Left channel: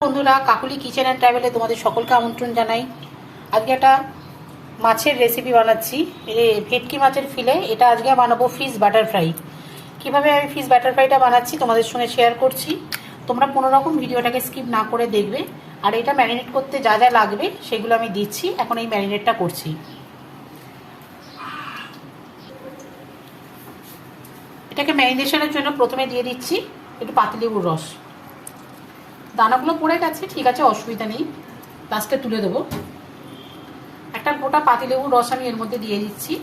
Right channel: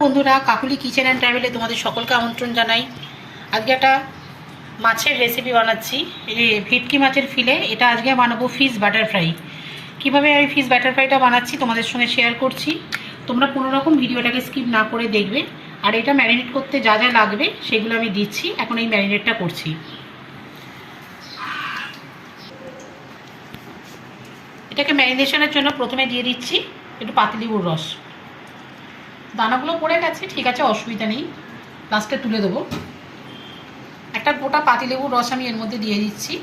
বন্ধুরা, Kakuli kitchen and ট্রাভেলে তোমাদের সকলকে আমন্ত্রণ জানাই। আজকে একটা মাছের রেসিপি বানাচ্ছি, ভেটকি মাছের ফিলে। এটা আজকে বানাবো ফিশ বাটার ফ্রাই। কীভাবে আমি ফিশ বাটার ফ্রাইটা বানাচ্ছি তোমাদের সঙ্গে শেয়ার করছি। তোমরা কোনো রকম ভিডিওটাকে স্কিপ না করে দেখবে। আর এটা ম্যারিনেট করতে যা যা লাগবে সেগুলো আমি দিচ্ছি। এখন এই ম্যারিনেটটা করছি। এটাকে ম্যারিনেশনের জন্য প্রথমে দিয়ে দিচ্ছি একটু পাতিলেবুর রস। দানাগুলো পড়ে গেছে, ঠিক আছে, অসুবিধা নেই, লাস্টে তুলে দেবো। একটা গোটা পাতিলেবুর রস আমি এর মধ্যে দিয়ে দিচ্ছি।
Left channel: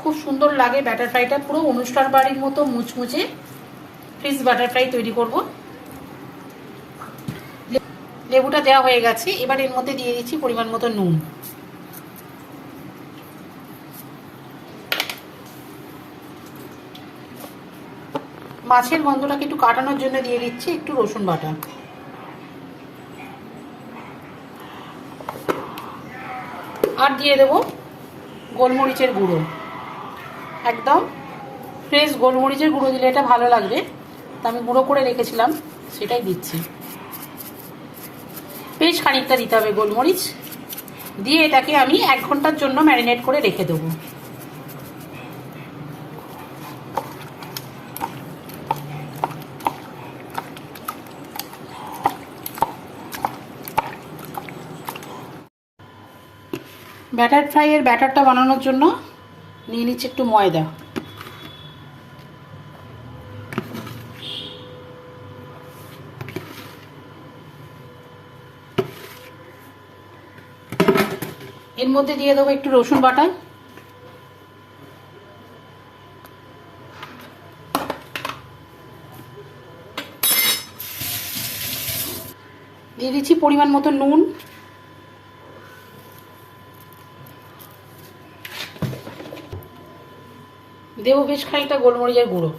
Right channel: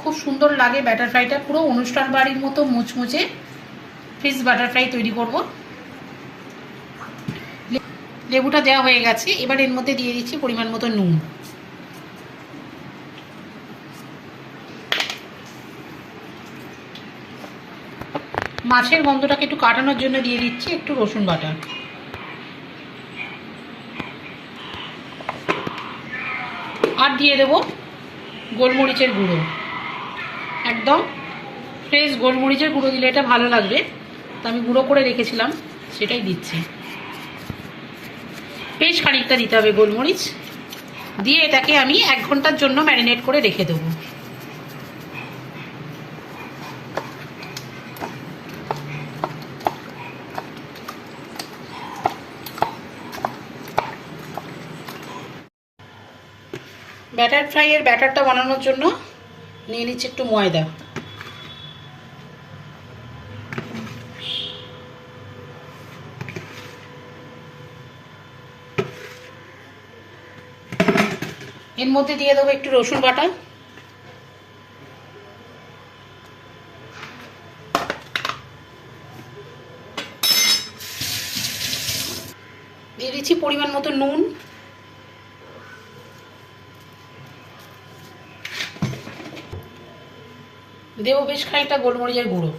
খুব সুন্দর লাগে ব্যাটার ফ্রাইটা, পুরো অনুষ্ঠান বাড়ির মতো মুচমুচে ফিশ বাটার ফ্রাই তৈরি করব। লেবুটা দেওয়া হয়ে গেছে, এবার এর মধ্যে দিয়ে দিচ্ছি পরিমাণ মতো নুন। মাছের গন্ধটাকে একটু কাটানোর জন্য দিয়ে দিচ্ছি একটু রসুন বাটা। আর দিয়ে দেবো গোলমরিচের গুঁড়ো, একদম ফ্রেশ গোলমরিচের গুঁড়ো দিলে এটা ভালো লাগবে। তা আমি গুঁড়ো করে রেখেছিলাম, সেটাই দিচ্ছি। বেশ খানিকটা দিতে হবে গোলমরিচ দিয়ে। এটাকে আমি 1 ঘন্টার জন্য ম্যারিনেট করে রেখে দেবো। ব্যাটার ফ্রাইয়ের ব্যাটারটা বানানোর জন্য নিয়ে নিচ্ছি একটু ময়দা। এর মধ্যে দিয়ে দেবো একটু রসুন বাটা, দিয়ে দিচ্ছি পরিমাণ মতো নুন, দেবো বেশ খানিকটা গোলমরিচের গুঁড়ো,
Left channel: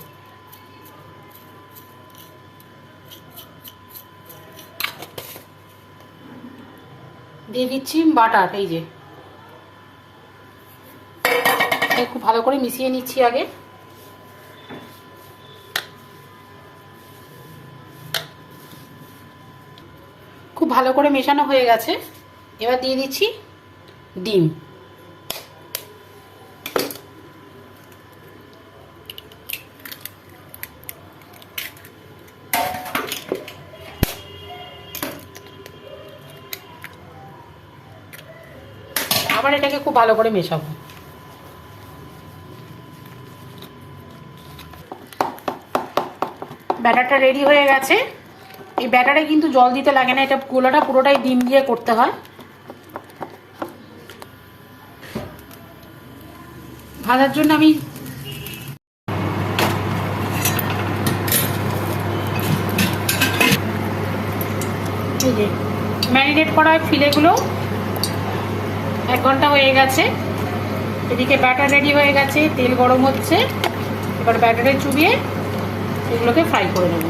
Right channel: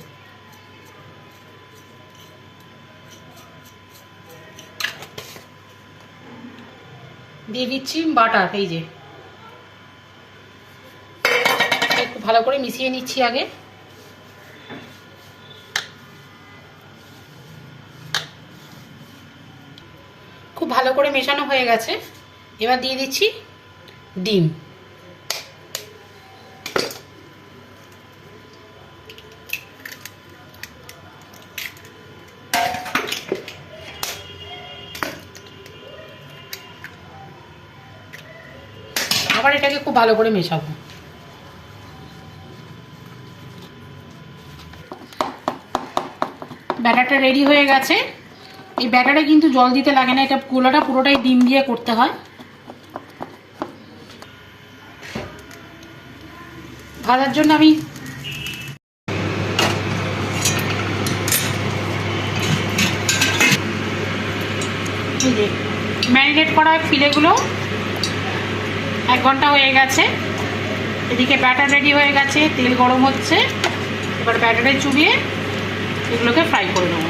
দিয়ে দিচ্ছি বাটার। এই যে খুব ভালো করে মিশিয়ে নিচ্ছি আগে। খুব ভালো করে মেশানো হয়ে গেছে, এবার দিয়ে দিচ্ছি ডিম। আবার এটাকে খুব ভালো করে মেশাবো। ব্যাটারটা রেডি হয়ে গেছে। এই ব্যাটারে কিন্তু জল দিতে লাগে না, এটা গোলাটা পুরোটাই ডিম দিয়ে করতে হয়। ভাজার জন্য আমি ম্যারিনেট করা ফিলেগুলো 1 ঘন্টা হয়ে গেছে। এদিকে ব্যাটার রেডি হয়ে গেছে, তেল গরম হচ্ছে। এবার ব্যাটারে চুবিয়ে এগুলোকে ফ্রাই করে নেব।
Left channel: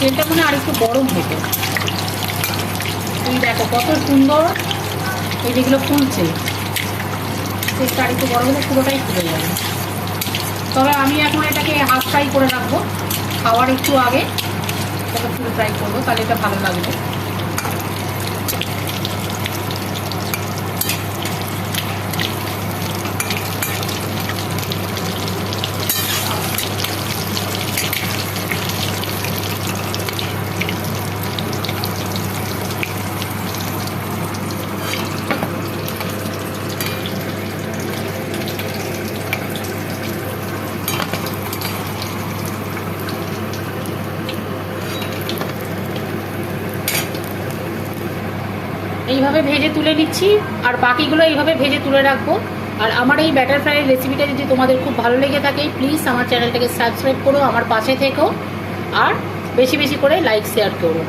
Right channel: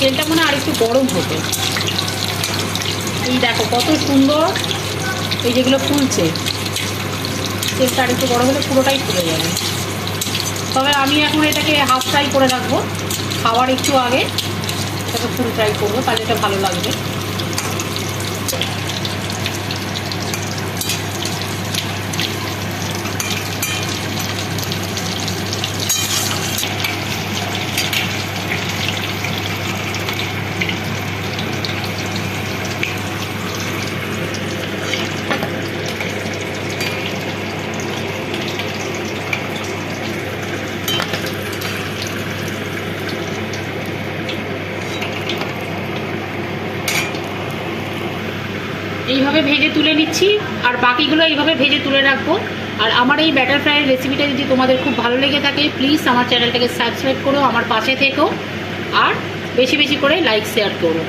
তেলটা মনে আর একটু গরম হতো। তুমি দেখো কত সুন্দর এই যেগুলো ফুলছে। তেলটা আর একটু গরম হলে পুরোটাই ফুলে যাবে। তবে আমি এখন এটাকে হাফ ফ্রাই করে রাখবো, খাওয়ার একটু আগে এটাকে ফুল ফ্রাই করবো, তাহলে এটা ভালো লাগবে। এইভাবে ভেজে তুলে নিচ্ছি, আর বাকিগুলো এইভাবে ভেজে তুলে রাখবো। আর আমার এই ব্যাটার ফ্রাইয়ের রেসিপিটা যদি তোমাদের খুব ভালো লেগে থাকে, প্লিজ আমার চ্যানেলটাকে সাবস্ক্রাইব করো, আমার পাশে থেকো, আর বেশি বেশি করে লাইক শেয়ার করো।